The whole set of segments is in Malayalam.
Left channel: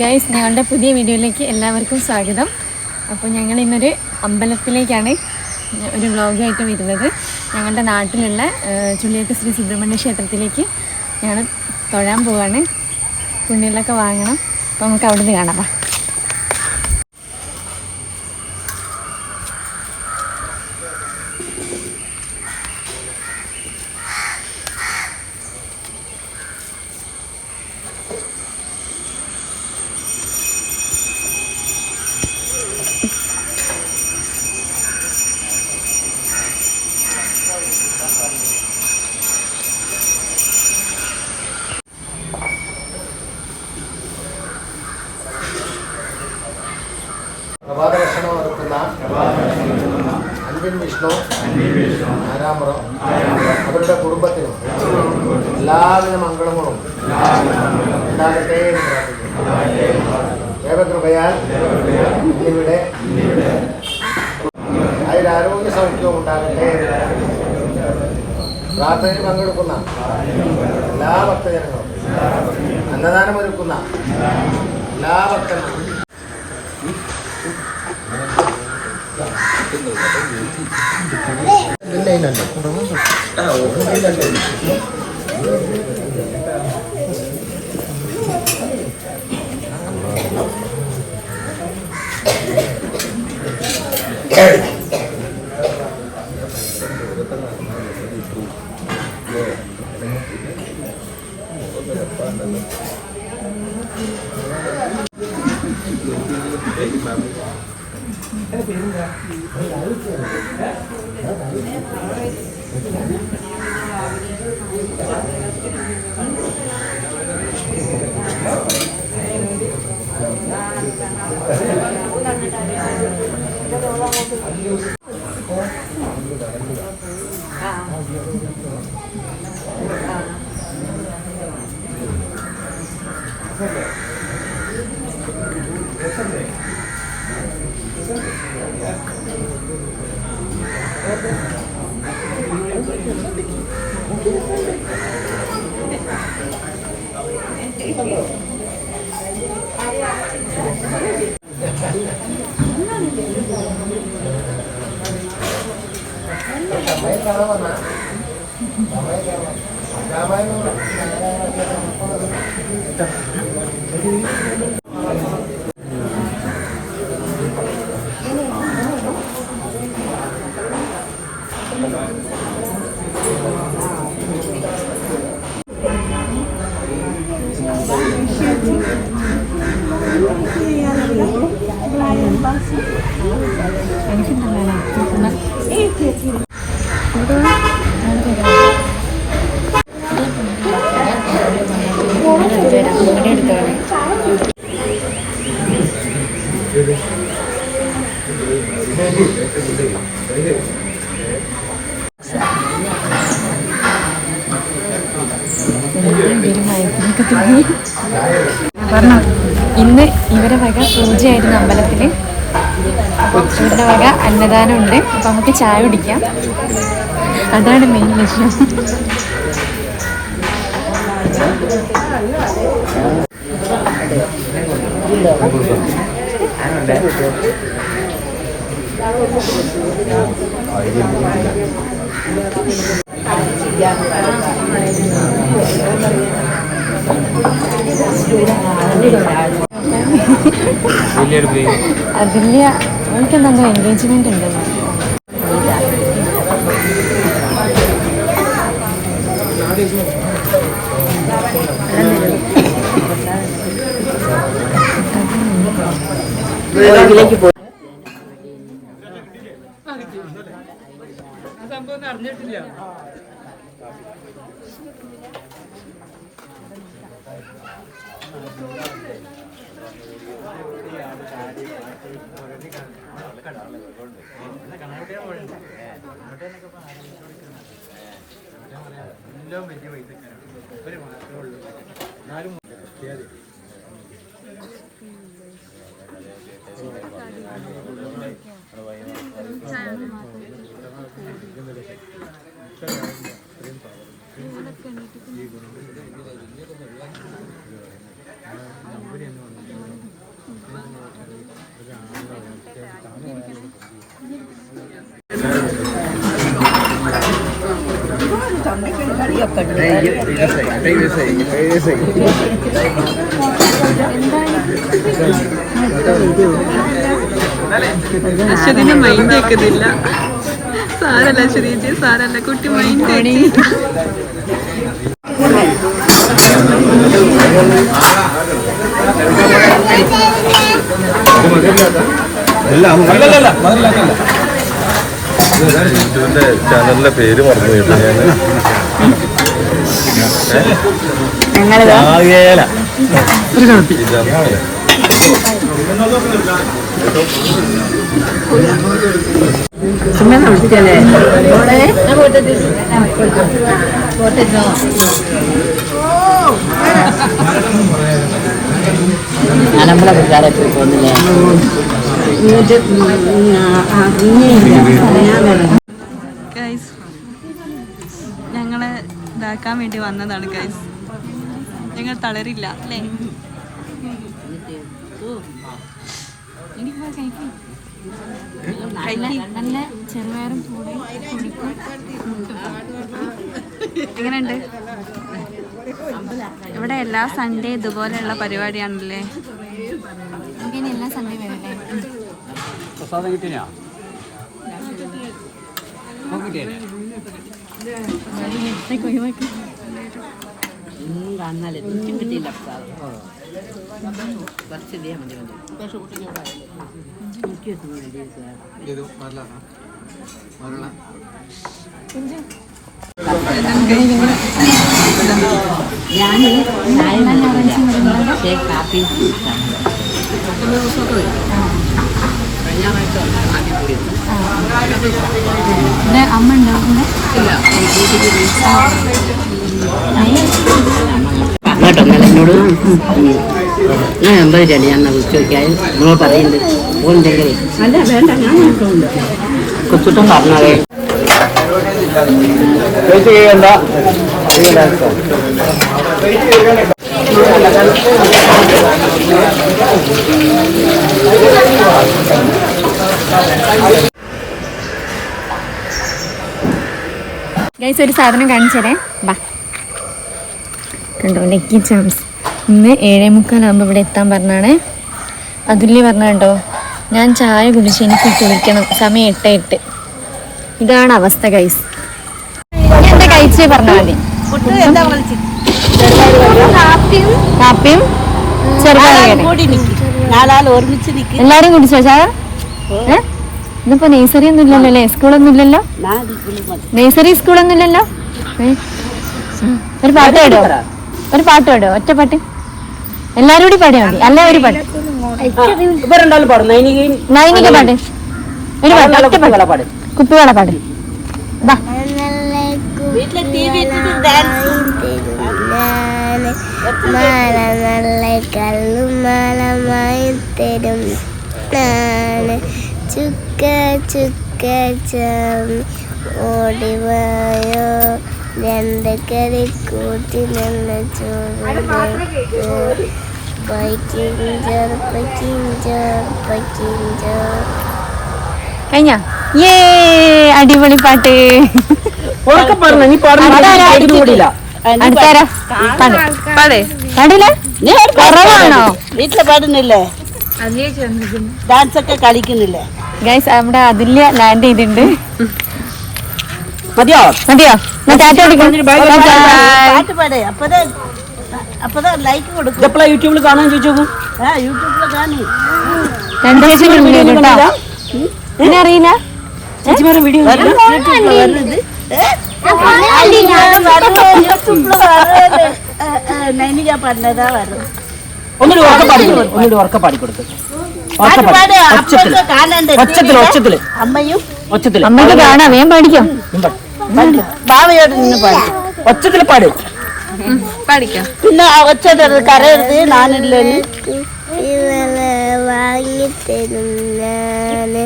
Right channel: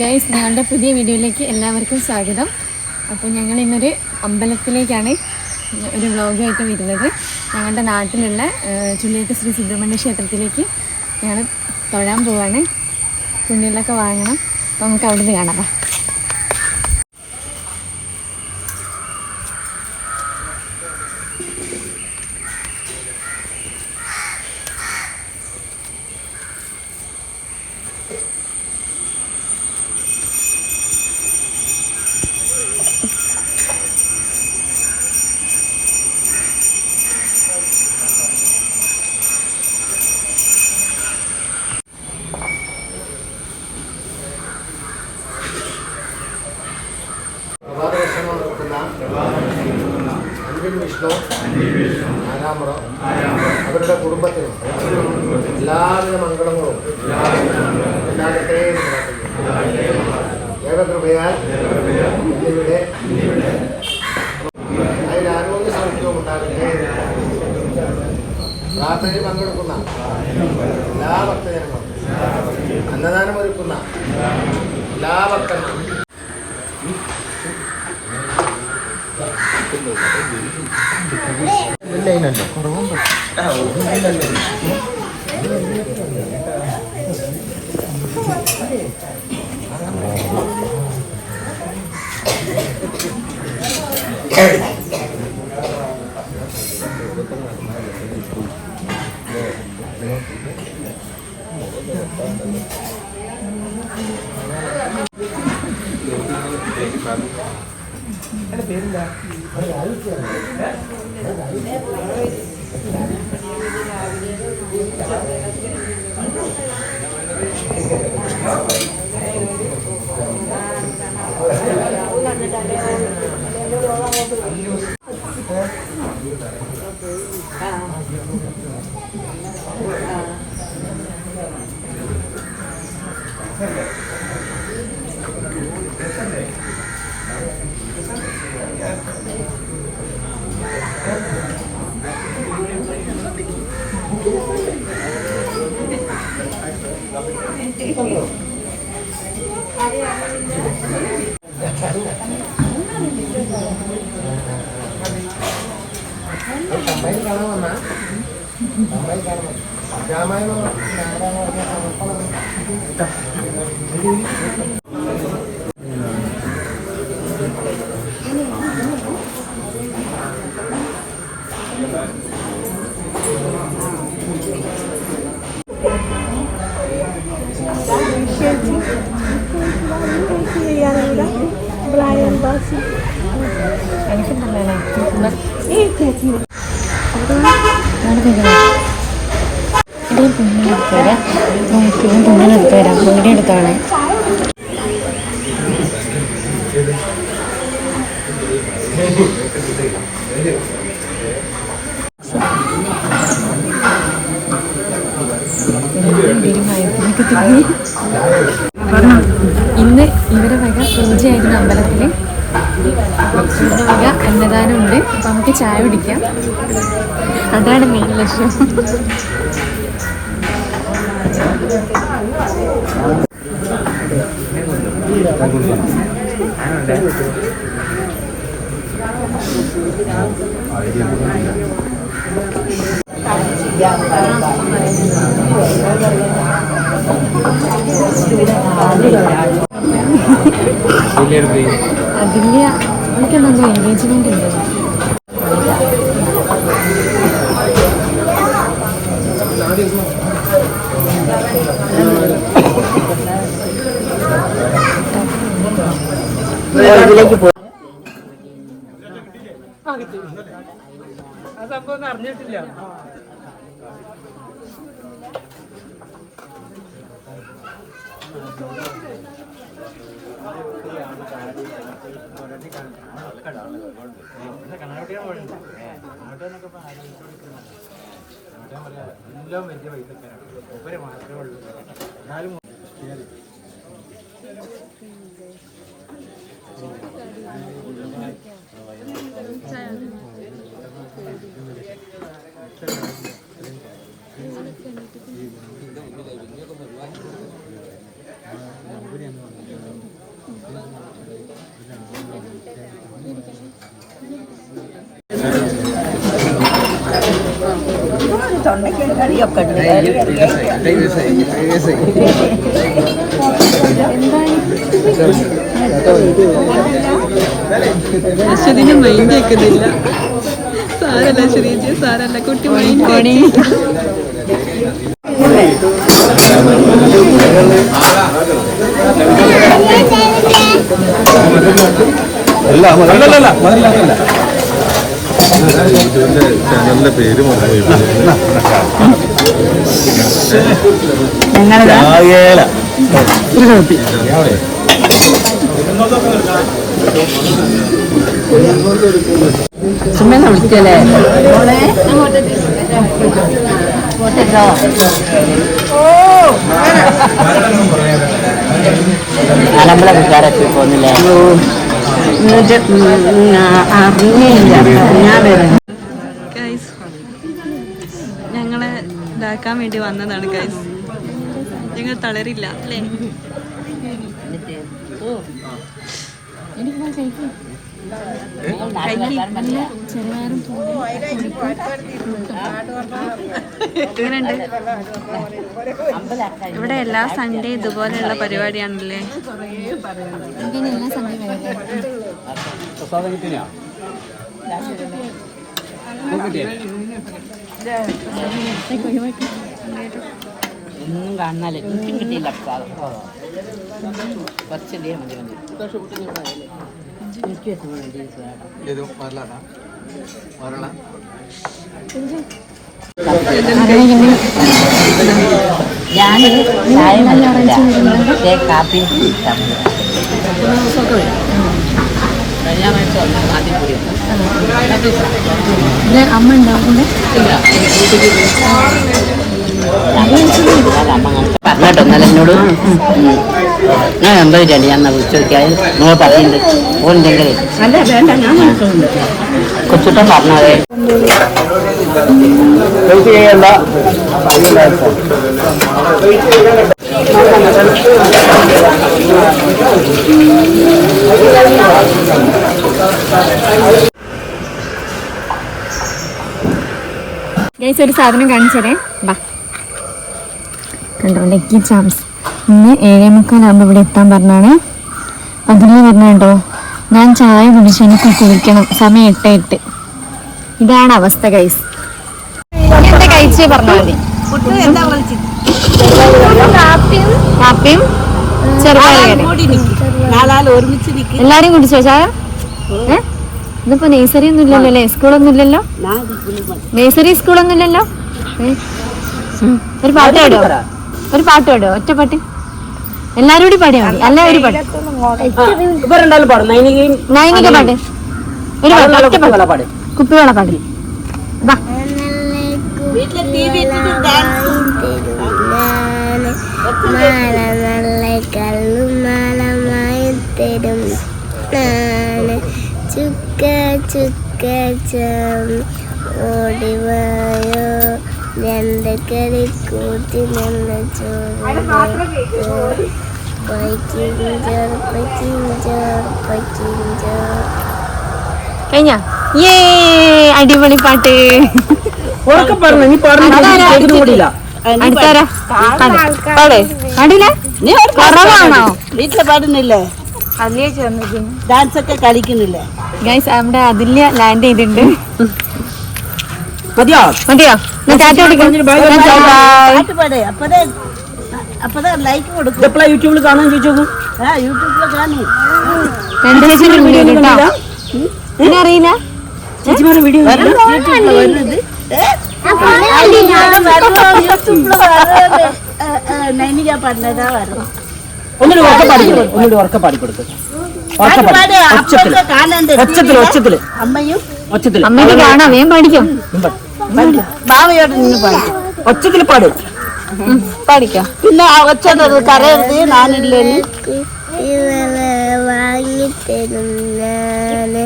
ഗൈസ്, ഞങ്ങളുടെ പുതിയ വീഡിയോയിലേക്ക് എല്ലാവർക്കും സ്വാഗതം. അപ്പോൾ ഞങ്ങൾ ഇന്നൊരു അമ്പലത്തിലേക്കാണ് ഒരു വ്ളോഗായിട്ട് വരുന്നത്. ഞങ്ങളുടെ നാട്ടിലുള്ള ചുള്ളിയത്ത് ശ്രീ സുബ്രഹ്മണ്യ ക്ഷേത്രത്തിലേക്ക് ഞങ്ങൾ തൊഴാൻ പോവാണ്. പുണ്യങ്ങളൊക്കെ വാങ്ങണം. അപ്പോൾ നമുക്ക് അവിടെ നിന്ന് കാണാം. പ്രഭാതഭക്ഷണം ഒരുക്കുന്ന അൻപിൻ വിഷ്ണു ആരാമറം അവരുടെ കുടുംബത്തിനും എല്ലാവിധ മംഗളങ്ങളും ഉണ്ടാകട്ടെ എന്ന് പ്രാർത്ഥിക്കുന്നു. ദൈവകൃപയാൽ ഇന്നിവിടെ അതിലാരോഗ്യ സൗഖ്യവും ഉണ്ടാകട്ടെ. പ്രാർത്ഥനയിൽ പങ്കെടുക്കുന്ന എല്ലാ ഭക്തജനങ്ങളും, അന്നദാനം ഒരുക്കുന്ന എല്ലാ ഭക്തന്മാരും ഇന്ന് ഇവരെ വക പൂജയായിരുന്നു അമ്പലത്തിൽ. ഇവരുടെ വക അന്നദാനം ഉണ്ട്. അപ്പം നമുക്ക് ചായ കുടിക്കാം. അതാണ് മെയിൻ ലക്ഷ്യം. അതില്ല, എനിക്കെന്തെങ്കിലും എൻഗേജ്മെന്റ് ഉണ്ട്. അറിഞ്ഞിട്ടില്ല. എല്ലാം വലിയ പൈസക്കാരാണ്. അശ്വതിന്റെ മൈൻഡ് കേൾക്കുന്നില്ല. സാരല്ല ശ്രീജി, സാരല്ല, കുട്ടി മൈൻഡ് കോണി. ചാനലിന്റെ പേര് പറഞ്ഞു. വിളിച്ചല്ലേ ഗൈസ്, ഞങ്ങളെ ഇതാക്കാൻ വേണ്ടി വന്നതാണ് ഗൈസ്. ഞങ്ങൾ തളരില്ല അല്ലേ? എങ്ങനെയുണ്ട്? ഇവിടെ എല്ലാ സൺഡേ ഇതുപോലെയുള്ള പരിപാടിയാണല്ലേ? എല്ലാ സൺഡേ വരല്ലേ? അമ്മ ഉണ്ടാവും പറഞ്ഞോട്ടൊന്നല്ല എന്നോട്. ഞാൻ എന്താ വിചാരിച്ചു, ഞാൻ വിളിച്ചു നോക്കിയാൽ നിങ്ങൾ പറയുന്നുണ്ട് ഓണ്ടെങ്കിലേ കൊച്ചിട്ടും പറഞ്ഞത്. ഗൈസ്, ഒരു സാധനം കാണിച്ചതേ ബാ. കണ്ടോ, ലക്കി ചാംസ്. ഇന്ന് 7:45 ഇവിടെ എത്താൻ പറഞ്ഞാണ്. അതിലേ പറഞ്ഞ കേട്ടോ, ഞാൻ ചായ കുടിച്ച് എനിക്ക് കുളിക്കണം, സമയം 8:08. ഇതാണ് അവസ്ഥ ഗൈസ്. എന്താ കഴിച്ച് പറഞ്ഞാൽ മതി. കാപ്പിയും എല്ലാരും കുടിച്ചോ ചായ? ഇതിപ്പോ നേഴ്സറി ഒന്നും ഇല്ലല്ലോ അല്ലേ? സ്കൂളൊന്നും ഇല്ലല്ലോ? നേഴ്സറി സ്കൂളൊന്നും ഇല്ലല്ലോ? ഒരു പാട്ട് പാടോ? ഒരു പാട്ട് പാടോ? ഒറ്റ പാട്ട് എല്ലാരും കൂടി പാടിയാ മതി. അല്ല ഒരു പാട്ട്, നൈനിക പാട്ട്, ഒരു പാട്ട്, ഒറ്റ പാട്ട്, കുപ്പിവെള്ള പാട്ട്. മാല നല്ല കല്ലും മാലമായി തരും ചുക്ക ചുക്ക ചാമി ഓടിവായോ രണ്ട് കറി കൂട്ടി നല്ല ചോറ് പൈക്കിഞ്ചോർ പൈക്കിഞ്ചോർ പൈക്കിഞ്ചോർ. കഴിഞ്ഞ അടിപൊളി പാട്ട്. കുറവാണോ? വീട്ടില് പാടുന്നില്ലേ? ഡാൻസ് ഒക്കെ കളിക്കുന്നില്ലേ? ഗൈസ്, അവിടെ അതില്ല ലാൻഡ് ചെയ്തിട്ടുണ്ട്. മതിയോ? മതിയോ? അപ്പതാ ലൈക്ക് കൊടുക്കും. യൂട്യൂബിൽ കാണാൻ ചോദിച്ചോക്കും. യൂട്യൂബിൽ കാണും. അറിയില്ല ചേച്ചിമാരെ വീഡിയോ നൈനിക പാടുന്നതാ വരണം. ഒന്നുകൂടി ഉറക്ക പാടിക്കൊടുക്കും. അമ്മയ്ക്ക് കാണാം, വേഗം പാടിക്കാം. ഭാവയോട് നിന്ന് പാടി ഒച്ചത്തിൽ പാടും. പാടിക്കാം. പിന്നെ ഒച്ചത് കരയരുത്. ഞാനില്ലേ വാങ്ങിത്തരും ഞാന്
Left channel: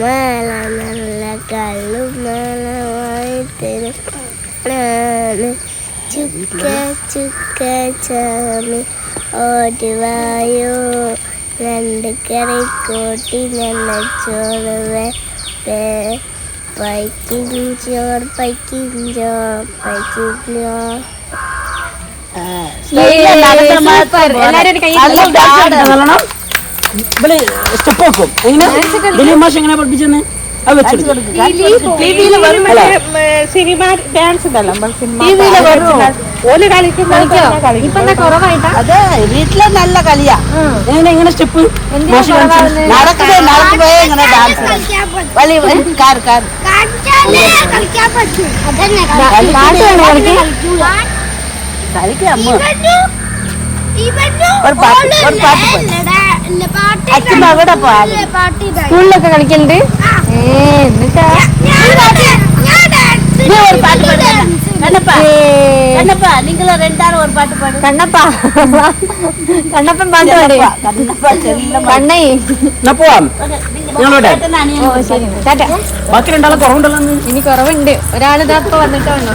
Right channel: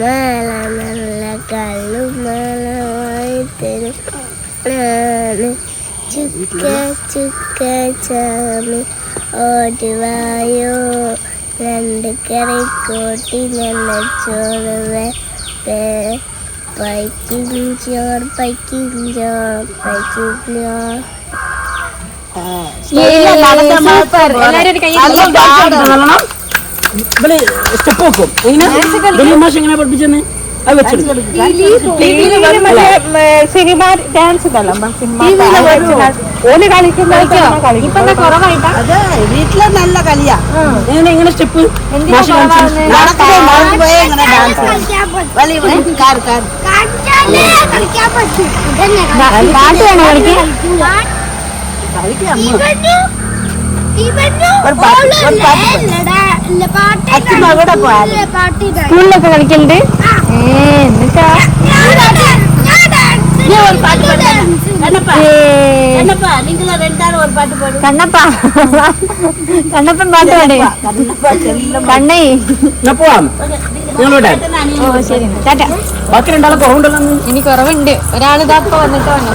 മാല നല്ല കല്ലു മാല വാങ്ങിത്തരും ഞാന് ചുക്ക ചുക്ക ചാമി ഓടിവായോ രണ്ട് കറി കൂട്ടി നല്ല ചോറ് പൈക്കിഞ്ചോർ പൈക്കിഞ്ചോർ പൈക്കിഞ്ചോർ. സൂപ്പർ. എല്ലാരും ഒരു കൈ സ്റ്റെപ്പ് വെക്കും എങ്ങനെ ദിലീപ് മാഷ് എങ്ങനെ പഠിപ്പിച്ചെന്ന് അത് വെച്ചെടുക്കും. അതെ വീട്ടിലെ നല്ല കളിയാ. എങ്ങനെ സ്റ്റെപ്പ് മാഷ് കാണിച്ചു നടക്കണേ നടന്നു പോയേ ഇങ്ങനെ ഡാൻസ് സ്കൂളിലൊക്കെ കളിക്കലുണ്ട്. നിങ്ങൾ രണ്ടാളും ഒരു പാട്ട് പാടും. കണ്ണപ്പാ കണ്ണപ്പൻ പാട്ടാണ്. കണ്ണേ പോവാം ഞങ്ങളോടെ ശരി ടാറ്റ. ബാക്കി രണ്ടാളും കുറവുണ്ടല്ലോ. ഇനി കുറവുണ്ട്. ഒരാളിതാ ഇപ്പൊ വന്നിട്ട് വന്നു.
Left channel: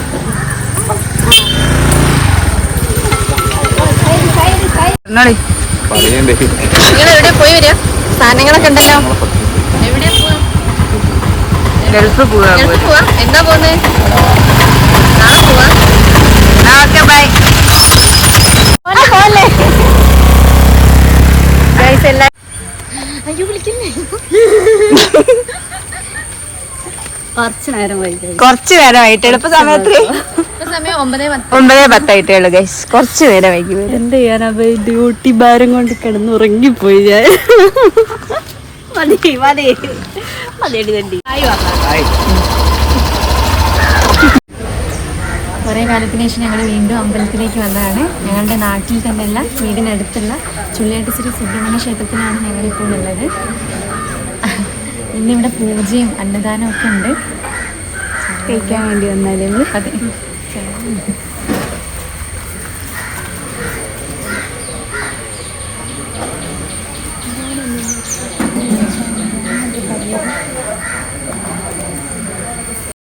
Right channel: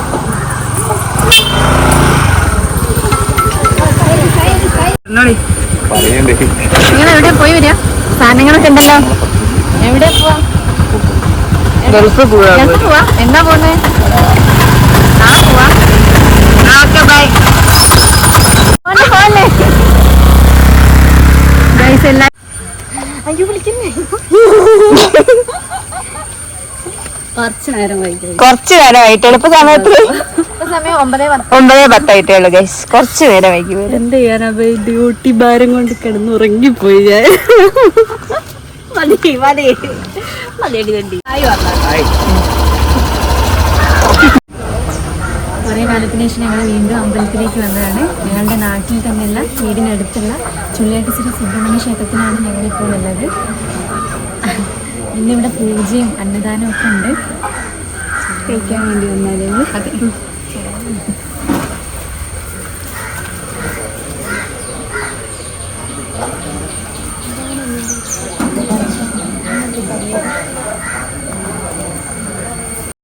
പറയണ്ടേ നിങ്ങൾ എവിടെ പോയി വരിക? സാധനങ്ങളൊക്കെ ഉണ്ടല്ലോ. എവിടെ പോവാ? ഗൾഫ് പോവാ. പോവാ? എന്നാ പോന്നെ? കുറച്ച് നേരമായിട്ട് എളുപ്പ സമയത്ത് സമയം 9:10. 9:10 ഉള്ളു ഗൈസ്. കുറച്ച് നേരം വൈകി വരും. എന്ത് ചെയ്യാനാ ഡ്യൂട്ടി ഭാരം കൊണ്ട് കിടന്നുറങ്ങിപ്പോയി ഞാൻ. മതി മതി മതിയടി തണ്ടി. കുറേ കാലത്തിന് ശേഷം ഞങ്ങൾ വീണ്ടും അമ്പലത്തിലേക്ക് വന്നതാണ്. ഞങ്ങളുടെ നാട്ടിൽ തന്നെയുള്ള വീടിനടുത്തുള്ള ചുള്ളിയാട്ട് ശ്രീ സുബ്രഹ്മണ്യ ക്ഷേത്രത്തിലാണ് ഞങ്ങളിപ്പോൾ ഉള്ളത്. ഇന്നിവിടെ പൂജയും അന്നദാനവും ഒക്കെ ഉണ്ട്. കഴിക്കാൻ വേണ്ടി വന്നാലേ അതെ.